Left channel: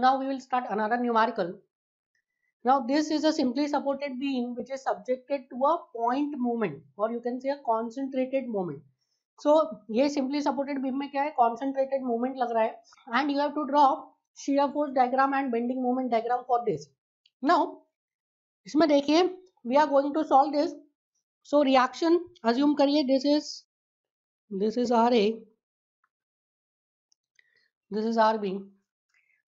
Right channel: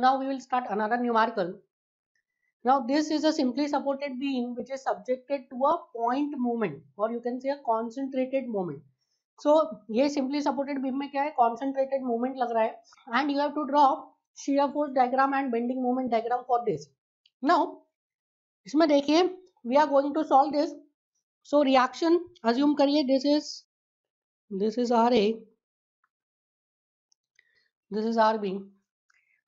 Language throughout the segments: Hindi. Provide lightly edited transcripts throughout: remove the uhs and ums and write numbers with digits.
now we will start another numerical. Now this is a simply supported beam which is subjected to a point moment, or you can say a concentrated moment. So ये simply supported beam में क्या है, concentrated moment लग रहा है, and you have to draw shear force diagram and bending moment diagram for this. Now इसमें देखिए we are going to solve this. So reaction assume करिए this is RA, this is RB.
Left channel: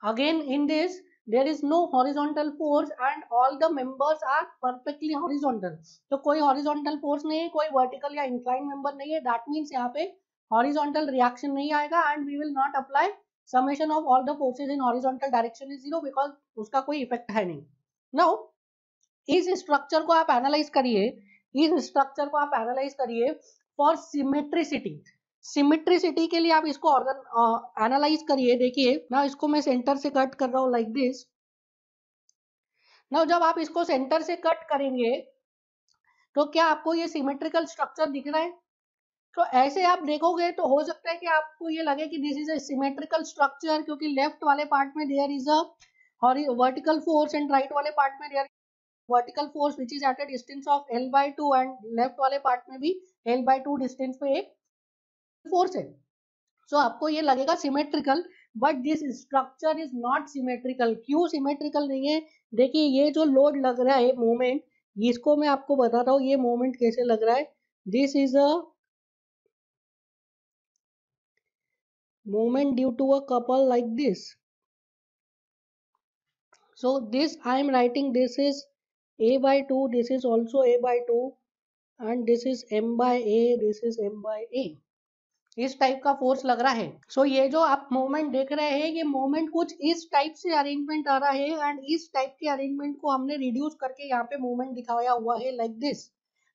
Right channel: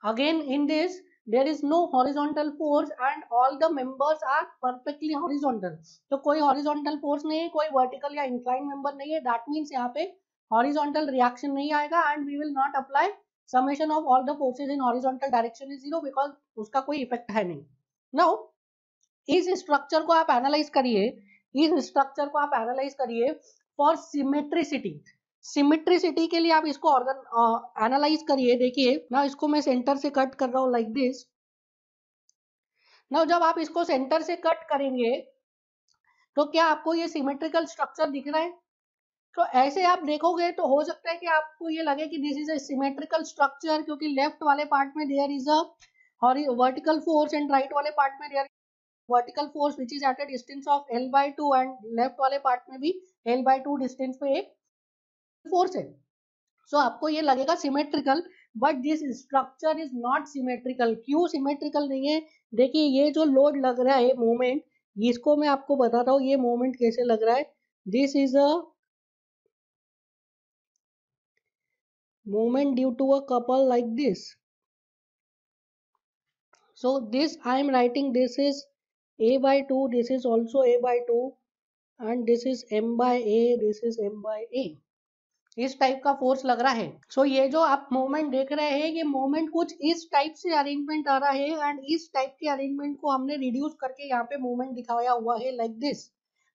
Again in this there is no horizontal force and all the members are perfectly horizontal. तो कोई horizontal force नहीं है, कोई vertical या inclined member नहीं है. That means यहाँ पे horizontal reaction नहीं आएगा and we will not apply summation of all the forces in horizontal direction is 0 because उसका कोई effect है नहीं. Now इस स्ट्रक्चर को आप एनालाइज करिए, इस स्ट्रक्चर को आप एनालाइज करिए फॉर सिमेट्रिसिटी. सिमेट्रिसिटी के लिए आप इसको एनालाइज करिए. देखिए ना, इसको मैं सेंटर से कट कर रहा हूँ लाइक दिस. ना जब आप इसको सेंटर से कट करेंगे तो क्या आपको ये सिमेट्रिकल स्ट्रक्चर दिख रहा है? तो ऐसे आप देखोगे तो हो सकता है कि आपको ये लगे कि this is a symmetrical structure, क्योंकि लेफ्ट वाले पार्ट में there is a vertical force and right वाले पार्ट में there vertical force which is at a distance of L/2 and left वाले पार्ट में भी L/2 डिस्टेंस पे एक फोर्स है. सो आपको ये लगेगा symmetrical, but this structure is not symmetrical. क्यों सिमेट्रिकल नहीं है? देखिए ये जो लोड लग रहा है मोमेंट, इसको मैं आपको बताता हूँ ये मोमेंट कैसे लग रहा है. This is a moment due to a couple like this. So this I am writing, this is A/2, this is also A/2 and this is M/A, this is M/A. इस टाइप का फोर्स लग रहा है. सो ये जो आप मोमेंट देख रहे हैं, ये मोमेंट कुछ इस टाइप से अरेंजमेंट आ रहा है एंड इस टाइप के अरेंजमेंट को हमने रिड्यूस करके यहाँ पे मोमेंट दिखाया हुआ है लाइक दिस.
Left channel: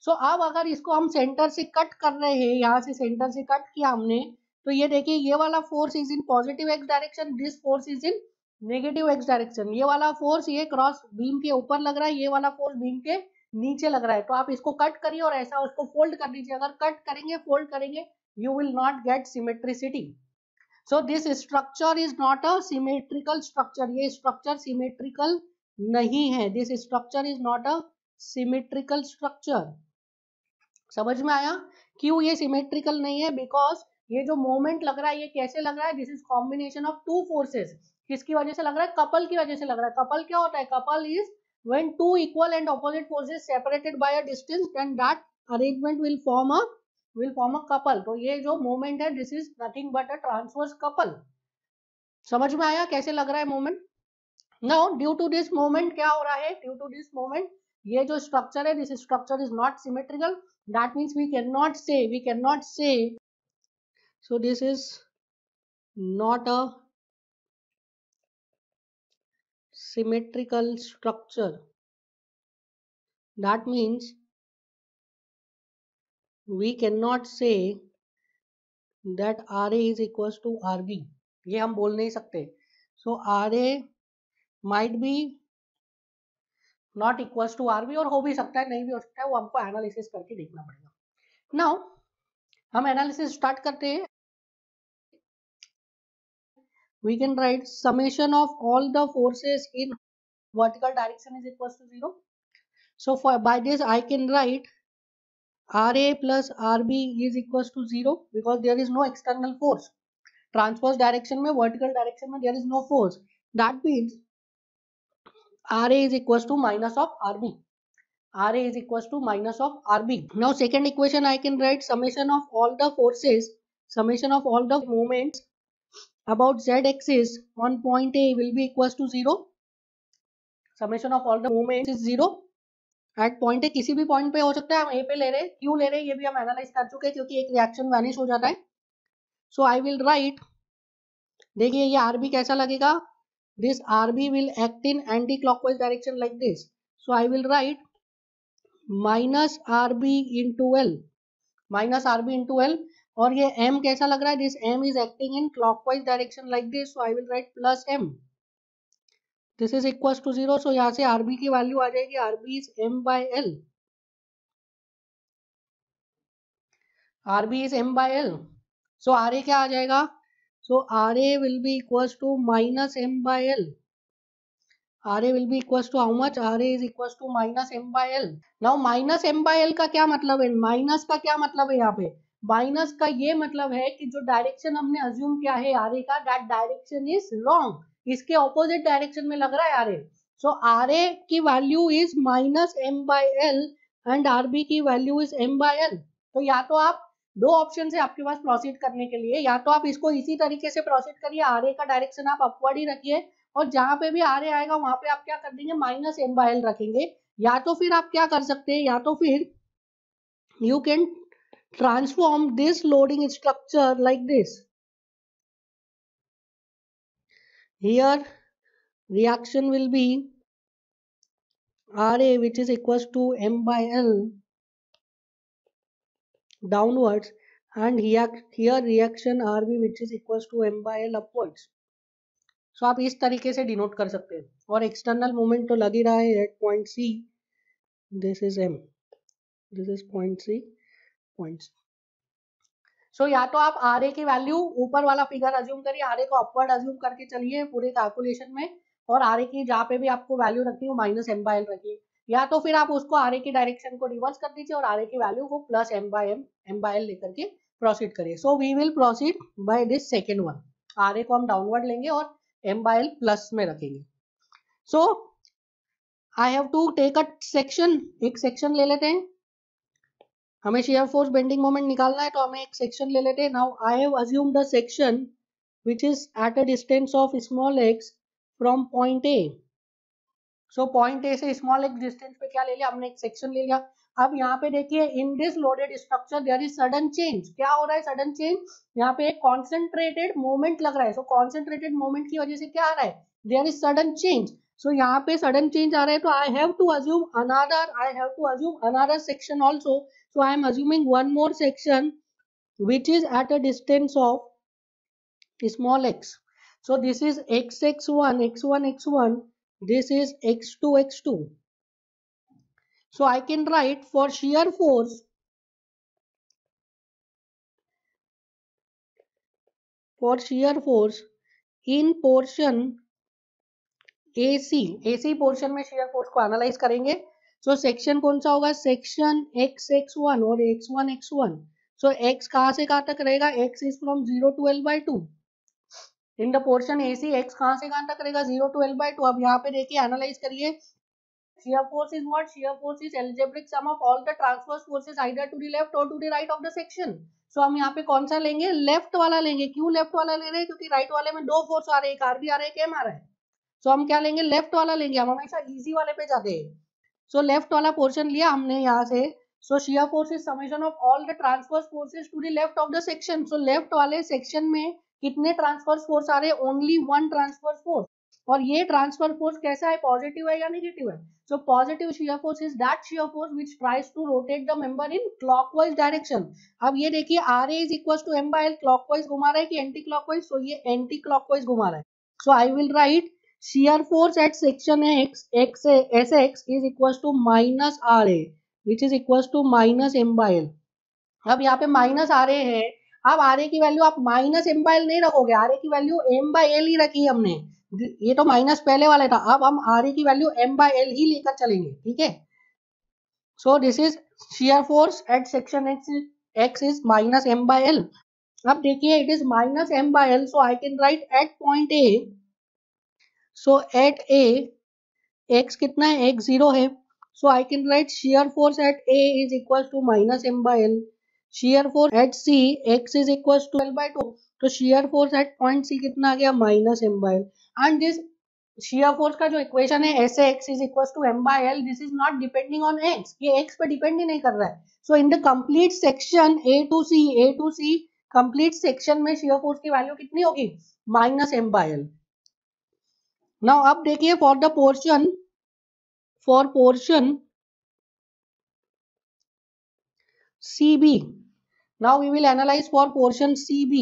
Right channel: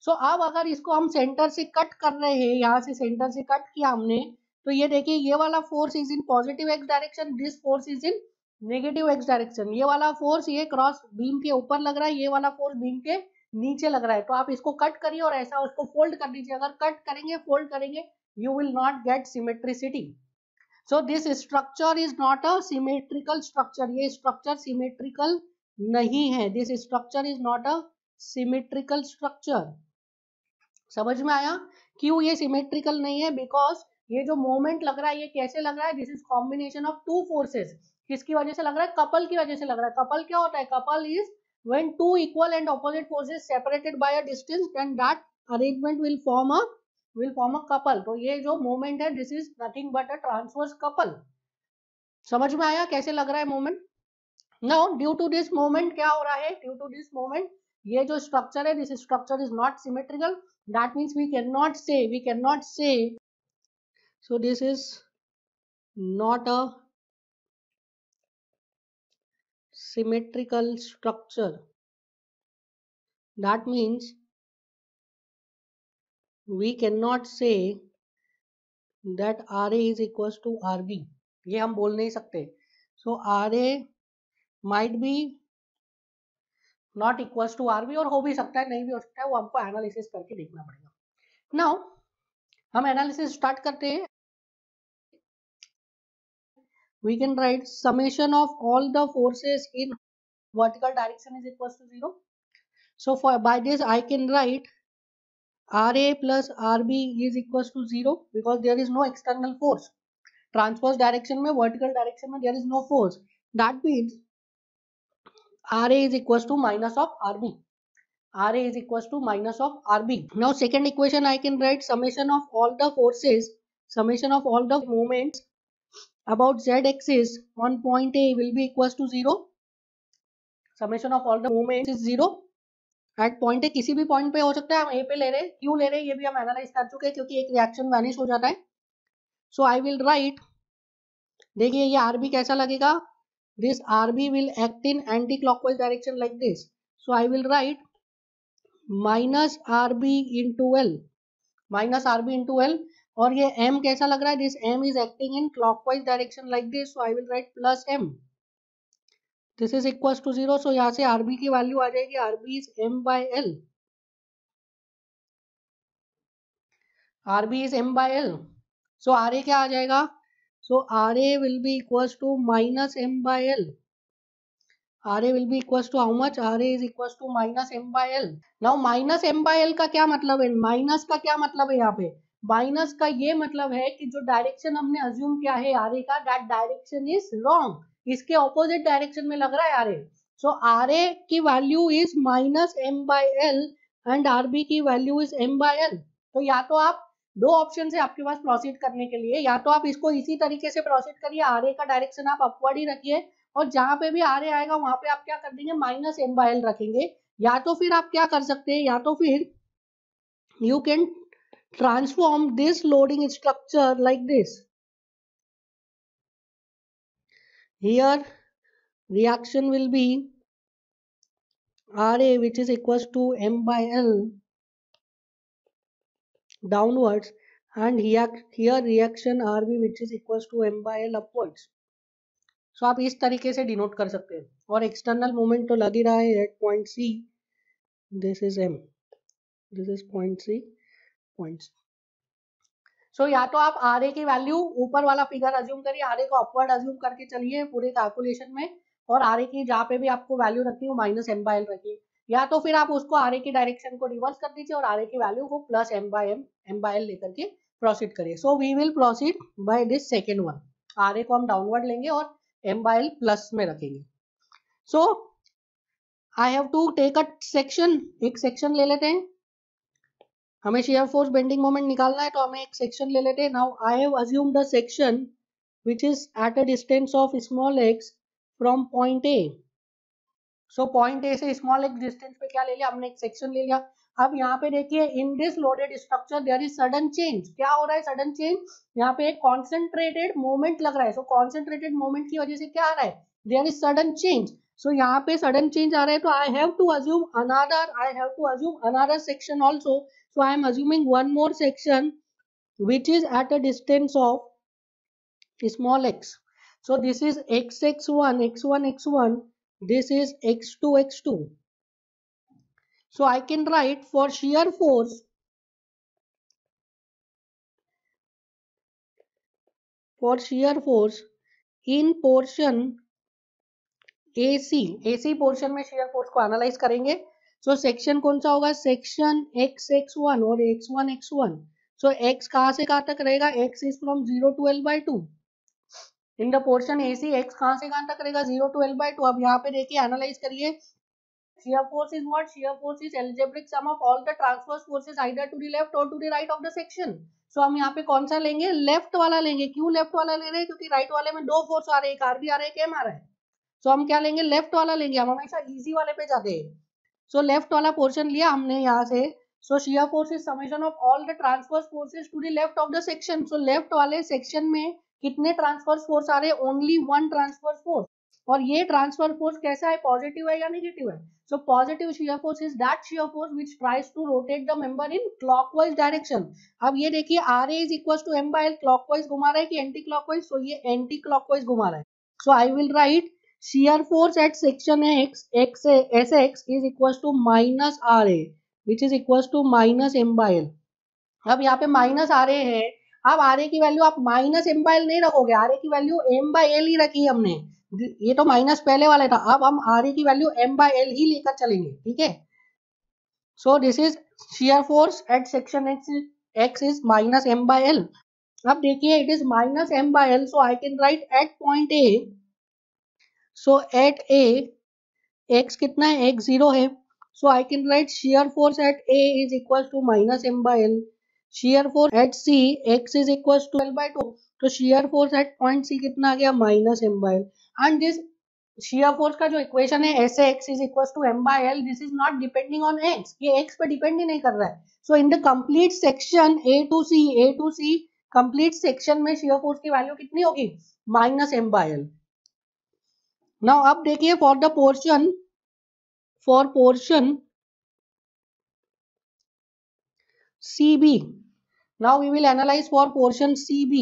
सो अब अगर इसको हम सेंटर से कट कर रहे हैं, यहाँ से सेंटर से कट किया हमने, तो ये देखिए ये वाला force is in positive x direction, this force is in negative x direction. ये वाला फोर्स ये क्रॉस बीम के ऊपर लग रहा है, ये वाला फोर्स बीम के नीचे लग रहा है. तो आप इसको कट करिए और ऐसा उसको फोल्ड कर दीजिए. अगर कट करेंगे फोल्ड करेंगे you will not get symmetricity. So this structure is not a symmetrical structure. ये structure symmetrical नहीं है. This structure is not a symmetrical structure. समझ में आया क्यों ये symmetrical नहीं है? Because ये जो moment लग रहा है ये कैसे लग रहा है? This is combination of two forces. किसकी वजह से लग रहा है? couple की वजह से लग रहा है. couple क्या होता है? couple is when two equal and opposite forces separated by a distance, then that arrangement will form a couple. तो ये जो मोमेंट है this is nothing but a transverse couple. समझ में आया कैसे लग रहा है moment? Now due to this moment क्या हो रहा है? ड्यू टू दिस मोमेंट ये जो स्ट्रक्चर है, this structure is not symmetrical. That means we can not say so this is not a symmetrical structure. That means we cannot say that RA is equals to RB. ये हम बोल नहीं सकते. So RA might be not equals to RB, और हो भी सकता है नहीं भी हो सकता है, वो आपको एनालिसिस करके देखना पड़ेगा. नाउ हम एनालिसिस स्टार्ट करते हैं. We can write summation of all the forces in vertical direction is equals to 0. So by this I can write RA plus RB is equals to 0 because there is no external force. Transverse direction में, vertical direction में there is no force. That means RA is equals to minus of RB. RA is equals to minus of RB. Now second equation I can write summation of all the forces, summation of all the moments about z axis on point A will be equals to 0. Summation of all the moments is 0. At point A किसी भी पॉइंट पे हो सकता है. हम ए पे ले रहे हैं, क्यों ले रहे हैं ये भी हम एनालाइज कर चुके हैं, क्योंकि एक रिएक्शन वैनिश हो जाता है. सो आई विल राइट, देखिए ये आरबी कैसा लगेगा. This RB will act in anti clockwise direction like this. So I will write minus RB into L, minus RB into L. और ये m कैसा लग रहा है? This m is acting in clockwise direction like this. So I will write plus m. This is equals to 0. So यहाँ से आरबी की वैल्यू आ जाएगी, RB is m by l. RB is m by l. So RA क्या आ जाएगा? So RA will be equals to minus m by l. RA will be equals to how much? RA is equals to minus m by l. Now minus m by l का क्या मतलब है? माइनस का क्या मतलब है यहाँ पे? माइनस का ये मतलब है कि जो डायरेक्शन हमने अज्यूम किया है RA का, दैट डायरेक्शन इज रॉन्ग. इसके ऑपोजिट डायरेक्शन में लग रहा है RA. सो RA की value is minus m by l and RB की value is m by l. तो या तो आप दो ऑप्शन है आपके पास प्रोसीड करने के लिए, या तो आप इसको इसी तरीके से प्रोसीड करिए, RA का डायरेक्शन आप अपवर्ड ही रखिए और जहां पे भी RA आएगा वहां पे आप क्या कर देंगे? माइनस m by l रखेंगे. या तो फिर आप क्या कर सकते हैं? या तो फिर you can transform this loading structure like this. Here reaction will be RA which is equals to m by l downwards, and here reaction RB which is equals to m by l upwards. So आप इस तरीके से डिनोट कर सकते हैं. और एक्सटर्नल मोमेंट तो लग ही रहा है at point C. This is m, this is point C, point C. So या तो आप RA की वैल्यू ऊपर वाला फिगर अज्यूम करिए, RA को अपवर्ड अज्यूम करके चलिए पूरे कैलकुलेशन में, और RA की जहाँ पे भी आपको वैल्यू रखी है वो माइनस m by l रखिए. या तो फिर आप उसको RA की डायरेक्शन को रिवर्स कर दीजिए और RA की वैल्यू को प्लस m by l लेकर के प्रोसीड करिए. So we will proceed by this second one. RA को हम डाउनवर्ड लेंगे और m by l प्लस में रखेंगे. So I have to take a section. एक सेक्शन ले लेते हैं. हमें शेयर फोर्स बेंडिंग मोमेंट निकालना है तो हमें एक सेक्शन ले लेते हैं. Now I have assumed the section which is at a distance of small x from point A. So point A से स्मॉल x डिस्टेंस पे क्या ले लिया हमने? एक सेक्शन ले लिया. अब यहाँ पे देखिए in this loaded structure there is sudden change. क्या हो रहा है सडन चेंज? यहाँ पे एक कॉन्सेंट्रेटेड मोमेंट लग रहा है. सो कॉन्सेंट्रेटेड मोमेंट की वजह से क्या आ रहा है? There is sudden change. So यहाँ पे सडन चेंज आ रहा है तो I have to assume another section also. So I am assuming one more section which is at a distance of small x. So this is x1, x1, x1. This is x2, x2. So I can write for shear force in portion AC. AC portion में shear force को analyze करेंगे. So section कौन सा होगा? Section x1 और x1. So x कहाँ से कहाँ तक रहेगा? x is from 0 to L by 2. In the portion AC x कहाँ से कहाँ तक रहेगा? 0 to L by 2. अब यहाँ पे देखिए एनालाइज करिए. shear force is what? shear force is algebraic sum of all the transverse forces either to the left or to the right of the section. So हम यहाँ पे कौन सा लेंगे? लेफ्ट वाला लेंगे. क्यों लेफ्ट वाला ले रहे हैं? क्योंकि राइट वाले में दो फोर्स आ रहे हैं, एक RB आ रहा है, एक M आ रहा है. सो हम क्या लेंगे? लेफ्ट वाला लेंगे. हम हमेशा इजी वाले पे जाते हैं. सो लेफ्ट वाला पोर्शन लिया हमने यहाँ से. सो shear force is summation of all the transverse forces to the left of the section. So left वाले सेक्शन में कितने ट्रांसवर्स फोर्स आ रहे हैं? Only one transverse force. और ये ट्रांसफर फोर्स कैसा है? पॉजिटिव है या नेगेटिव है? So positive shear force is that shear force which tries to rotate the member in clockwise direction. अब ये देखिए RA is equals to m by l. Clockwise घुमा रहा है कि एंटी क्लॉकवाइज? सो ये एंटी क्लॉकवाइज घुमा रहा है. So I will write shear force at section SX is equals to minus RA which is equals to minus m by l. अब यहाँ पे माइनस RA है. अब RA की वैल्यू आप माइनस m by l नहीं रखोगे, RA की वैल्यू m by l ही रखी है हमने. ये तो माइनस पहले वाले था. अब हम RA की वैल्यू m by l ही लेकर चलेंगे. ठीक है. So this is shear force at section X is minus m by l. अब देखिए it is minus m by l. So I can write at point A. So at A x कितना है? x 0 है. So I can write shear force at A is equals to minus m by l. shear force at C x is equals to L by 2. तो shear force at point C कितना आ गया? minus m by l. And this shear force का जो इक्वेशन है Sx is equals to m by l, this is not depending on x. ये x पे डिपेंड ही नहीं कर रहा है. So in the complete section A to C complete section में shear force की वैल्यू कितनी होगी? minus m by l. Now अब देखिए for portion CB. Now we will analyze for portion CB.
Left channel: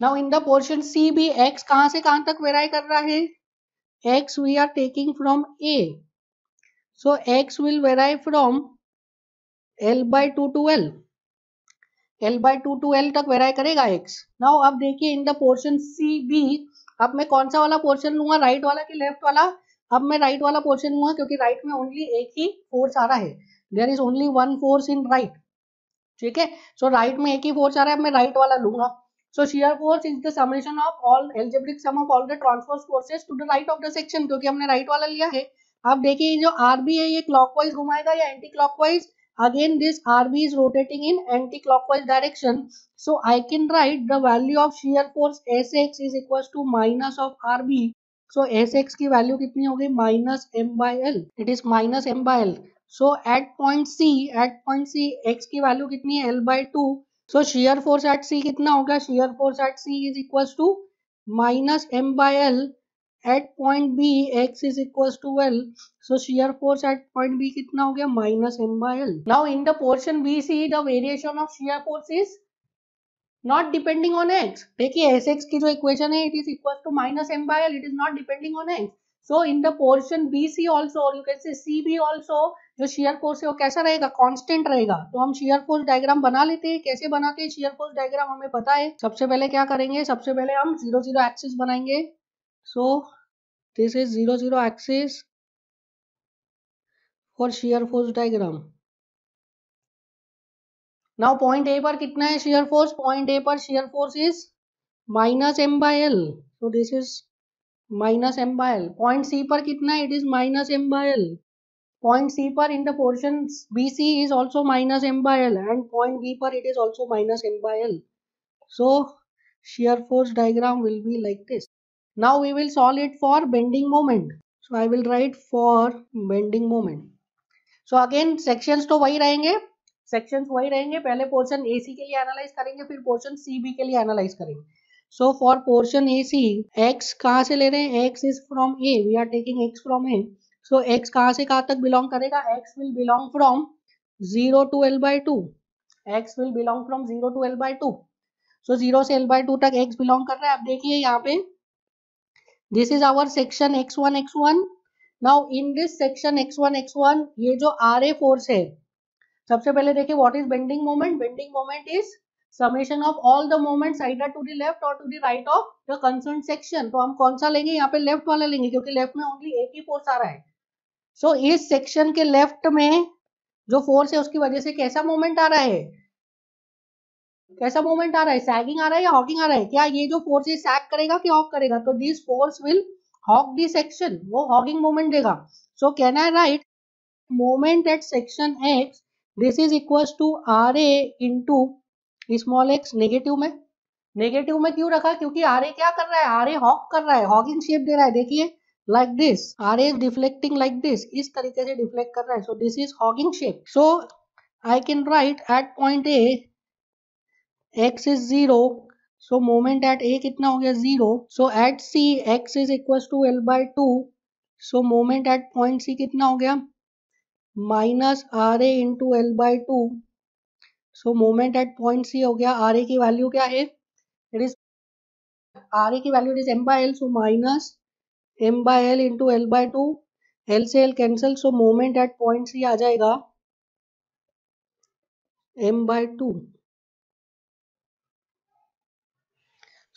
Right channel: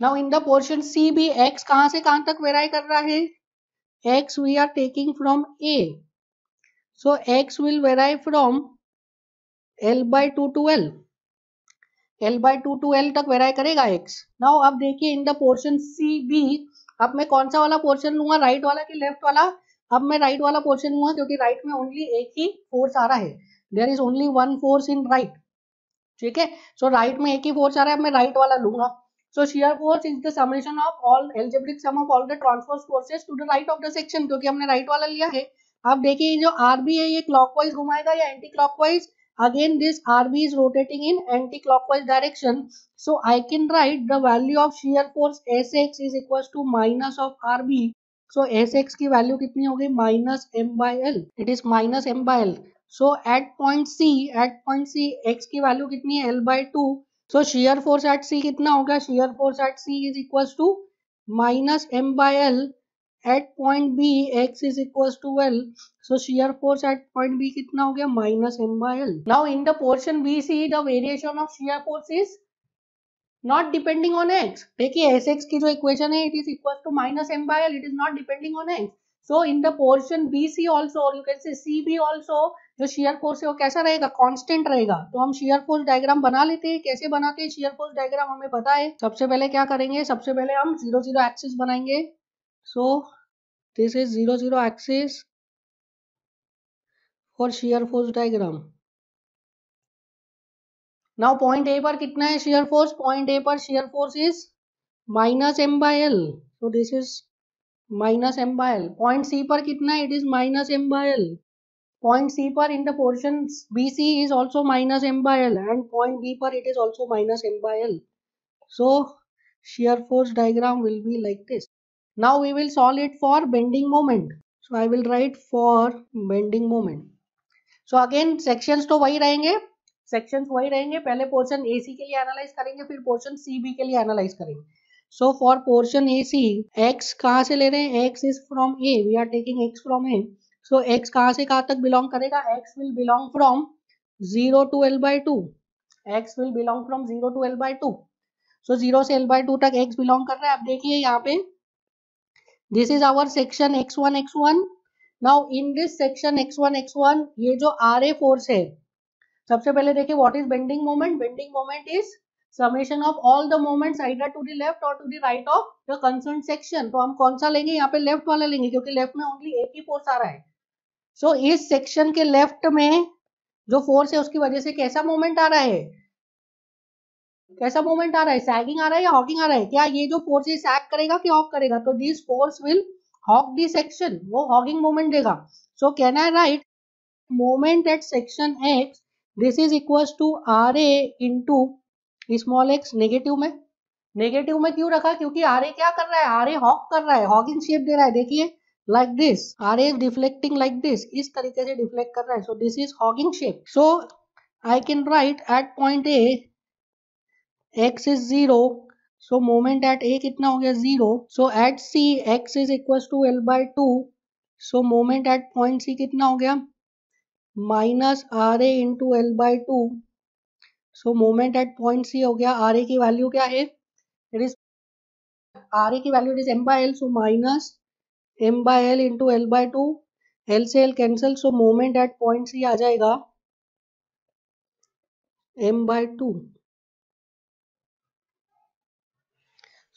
Now in the portion CB x कहाँ से कहाँ तक वेरी कर रहा है? x we are taking from A. So x will vary from L by 2 to L. L by 2 to L तक वेरी करेगा x. Now अब देखिए in the portion CB अब मैं कौन सा वाला पोर्शन लूंगा, राइट वाला कि लेफ्ट वाला? अब मैं राइट वाला पोर्शन लूंगा क्योंकि राइट में ओनली एक ही फोर्स आ रहा है, there is only one force in right, ठीक है। सो राइट में एक ही फोर्स आ रहा है, अब मैं राइट वाला लूंगा। So shear force is the summation of all algebraic sum of all the transverse forces to the right of the section, क्योंकि हमने राइट वाला लिया है। अब देखिए जो आरबी है ये क्लॉकवाइज घुमाएगा या anti clockwise? Again this RB is rotating in anti clockwise direction, so I can write the value of shear force Sx is equal to minus of RB. So Sx की वैल्यू कितनी हो गई? Minus M by L, it is minus M by L. So at point C x की वैल्यू कितनी है? L by 2। So shear force at C कितना होगा? shear force at C is equals to minus M by L। At point B x is equals to L। So shear force at point B कितना हो गया? minus M by L। Now in the portion BC the variation of shear force is not depending on x। देखिए Sx की जो इक्वेशन है it is equals to minus M by L, it is not depending on x। So in the portion BC also, or you can say CB also, जो shear force है वो कैसा रहेगा? कांस्टेंट रहेगा। तो हम shear force डायग्राम बना लेते हैं। कैसे बनाते हैं shear force डायग्राम हमें पता है। सबसे पहले क्या करेंगे? सबसे पहले हम 0 0 एक्सिस बनाएंगे। So this is 0 0 axis for shear force diagram। Now point A पर कितना है shear force? Point A पर shear force is minus M by L। So this is minus M by L। Point C पर कितना है? It is minus M by L। Point C पर in the portion BC is also minus M by L, and point B पर it is also minus M by L। So shear force diagram will be like this। Now we will solve it for bending moment। So I will write for bending moment। So again sections तो वही रहेंगे, sections वही रहेंगे। पहले portion AC के लिए analyze करेंगे, फिर portion CB के लिए analyze करेंगे। So for portion AC, x कहाँ से ले रहे हैं? x is from A, we are taking x from A। So x कहाँ से कहाँ तक belong करेगा? x will belong from 0 to L by 2। x will belong from 0 to L by 2। So 0 से L by 2 तक x belong कर रहा है। अब देखिए यहाँ पे this is our section x1 x1। Now in this section x1 x1 ये जो RA force है, सबसे पहले देखिए what is bending moment। Bending moment is summation of all the moments either to the left or to the right of the concerned section। तो हम कौन सा लेंगे? यहाँ पे लेफ्ट वाला लेंगे क्योंकि लेफ्ट में ओनली एक ही फोर्स आ रहा है। सो इस सेक्शन के लेफ्ट में जो फोर्स है उसकी वजह से कैसा मोमेंट आ रहा है? कैसा मोमेंट आ रहा है? सैगिंग आ रहा है या हॉगिंग आ रहा है? क्या ये जो फोर्स है सैग करेगा कि हॉग करेगा? तो this force will hog the section, वो हॉगिंग मोमेंट देगा। So can I write moment at section x this is equals to R A into small x. Negative में क्यों रखा? क्योंकि आर ए क्या कर रहा है? आर ए हॉग कर रहा है, हॉगिंग शेप दे रहा है। देखिए like this, R A is deflecting like this, इस तरीके से डिफ्लेक्ट कर रहा है। So this is hogging shape. So I can write at point A x is 0, so moment at A कितना हो गया? 0। so at C x is equals to L by 2, so moment at point C कितना हो गया? minus RA into L by 2। so moment at point C हो गया, RA की वैल्यू क्या है? it is RA की value is M by L, so minus M by L into L by 2। L से L cancel, so moment at point C आ जाएगा M by 2।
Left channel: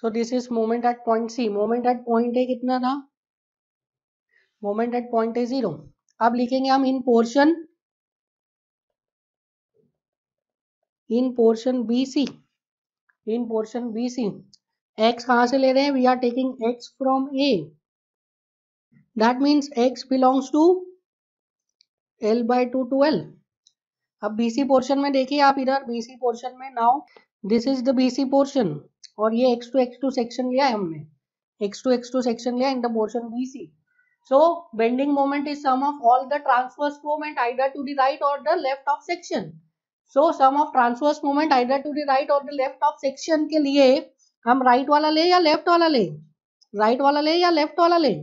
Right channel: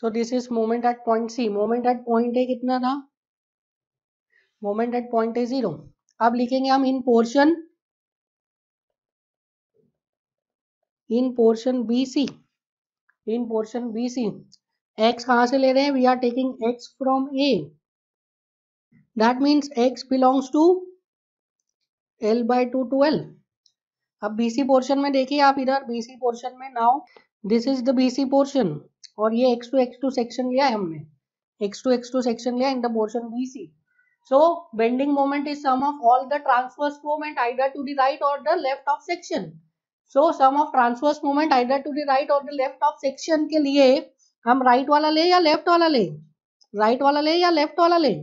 So this is moment at point C। moment at point A कितना था? moment at point A 0। अब लिखेंगे हम इन पोर्शन BC। x कहाँ से ले रहे हैं? We are taking x from A, that means x belongs to L by 2 to L। अब BC पोर्शन में देखिए आप इधर BC पोर्शन में, now this is the BC portion और ये x2 सेक्शन लिया है हमने, x2 सेक्शन लिया इन the portion BC। So bending moment is sum of all the transverse moment either to the right or the left of section। So sum of transverse moment either to the right or the left of section के लिए हम राइट वाला ले या लेफ्ट वाला ले? राइट वाला ले या लेफ्ट वाला ले?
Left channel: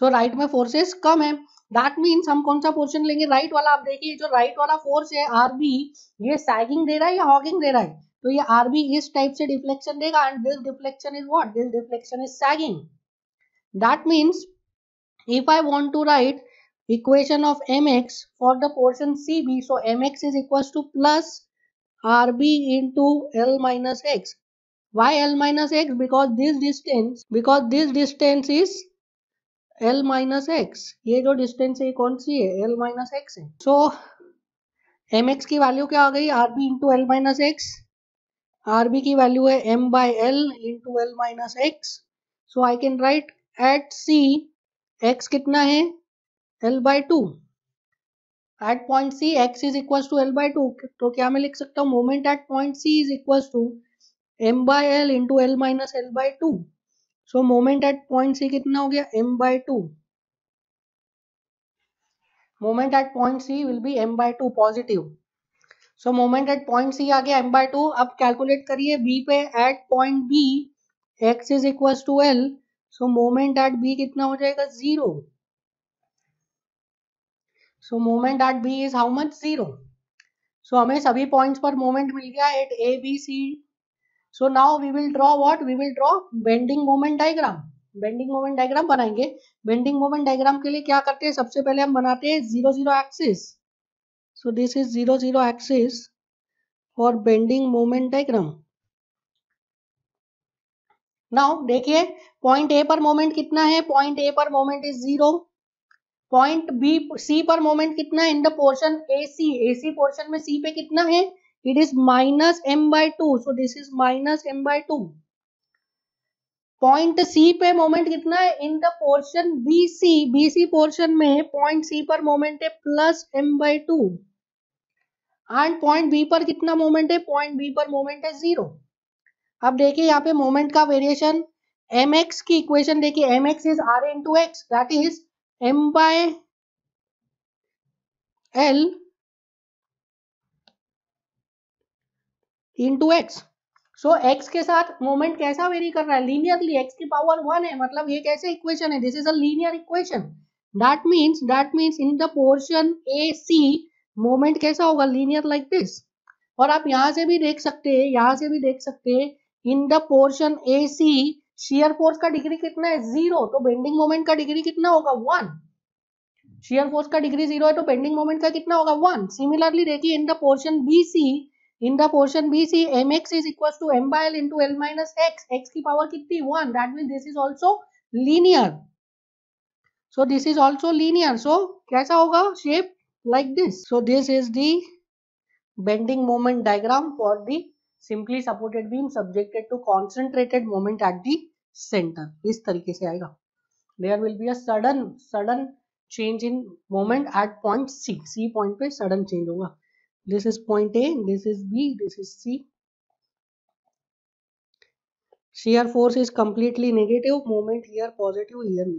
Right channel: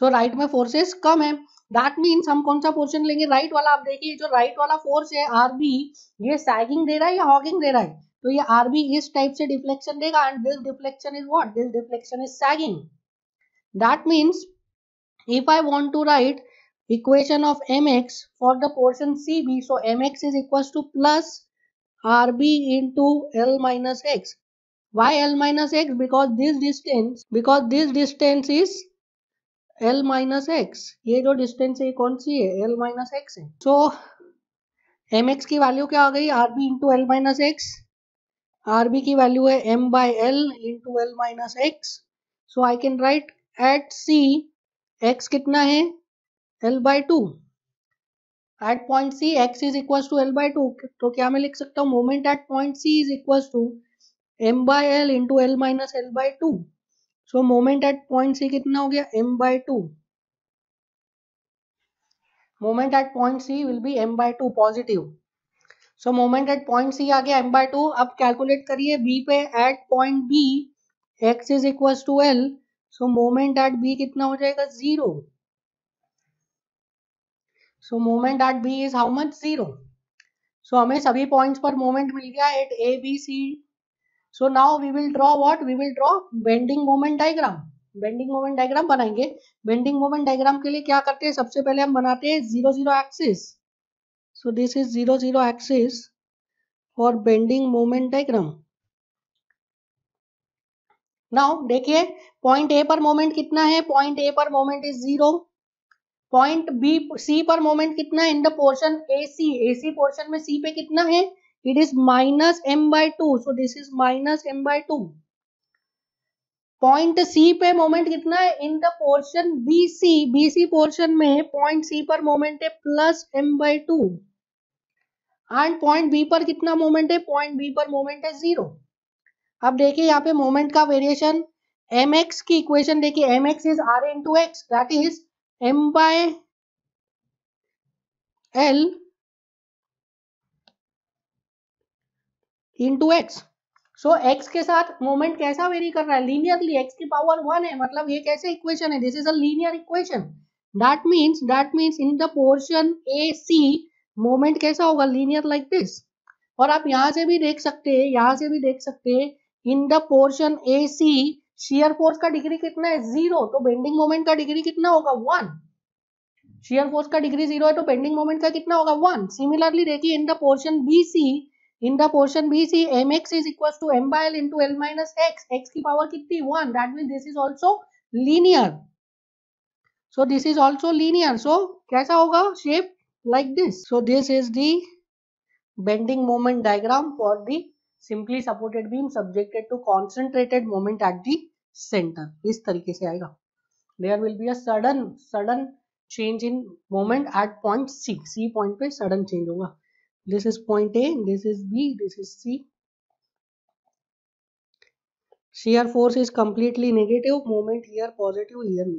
सो राइट में फोर्सेस कम है, दैट मीन्स हम कौन सा पोर्शन लेंगे? राइट वाला। आप देखिए जो राइट वाला फोर्स है आरबी, ये सैगिंग दे रहा है या हॉगिंग दे रहा है? तो ये आरबी इस टाइप से डिफ्लेक्शन देगा and this deflection is what? This deflection is sagging. That means if I want to write equation of mx for the portion CB, so mx is equals to plus RB into L minus x। Why L minus x? Because this distance is L minus x. ये जो distance है कौन सी है? L minus x है. So mx की वैल्यू क्या आ गई? rb into L minus x. rb की वैल्यू है m by L into L minus x. So I can write at C x कितना है? L by 2. At point C x is equals to L by 2. तो क्या मैं लिख सकता हूँ? Moment at point C is equals to m by L into L minus L by 2. So moment at point C कितना हो गया? m by 2. Moment at point C will be m by 2 positive. So moment at point C आ गया m by 2. अब कैलकुलेट करिए B पे at point B x is equals to L. So moment at B कितना हो जाएगा? 0. So moment at B is how much? 0. So हमें सभी पॉइंट्स पर मोमेंट मिल गया eight A B C. So now we will draw what? We will draw bending moment diagram. Bending moment diagram बनाएंगे. बेंडिंग मोमेंट डायग्राम के लिए क्या करते हैं? सबसे पहले हम बनाते हैं 0 0 axis. So this is 0 0 axis for bending moment diagram. Now देखिए पॉइंट ए पर मोमेंट कितना है? पॉइंट ए पर moment is 0. Point B C पर मोमेंट कितना है? In the portion AC portion में सी पे कितना है? It is minus m by 2. So this is minus m by 2. Point C पे मोमेंट कितना है? In the portion BC portion में पॉइंट सी पर मोमेंट है plus m by 2. And point B पर कितना मोमेंट है? पॉइंट बी पर मोमेंट है 0. अब देखिए यहाँ पे मोमेंट का वेरिएशन mx की इक्वेशन देखिए. mx is r into x, that is m by l into x. So x के साथ मोमेंट कैसा वेरी कर रहा है? लीनियरली. x की पावर 1 है, मतलब ये कैसे इक्वेशन है? This is a linear equation. That means in the portion A C moment कैसा होगा? Linear like this. और आप यहाँ से भी देख सकते हैं, in the portion A C shear force का डिग्री कितना है? 0. तो बेंडिंग मोमेंट का डिग्री कितना होगा? 1. शियर फोर्स का डिग्री 0 है तो बेंडिंग मोमेंट का कितना होगा? 1. सिमिलरली देखिए in the portion B C, mx is equals to m by l into l minus x. x की पावर कितनी? 1. That means this is also linear. So this is also linear. So कैसा होगा? Shape like this. So this is the bending moment diagram for the simply supported beam subjected to concentrated moment at the center. इस तरीके से आएगा. There will be a sudden change in moment at point C. C point पे sudden change होगा. This is point A, this is B, this is C. Shear force is completely negative, moment here positive, here negative.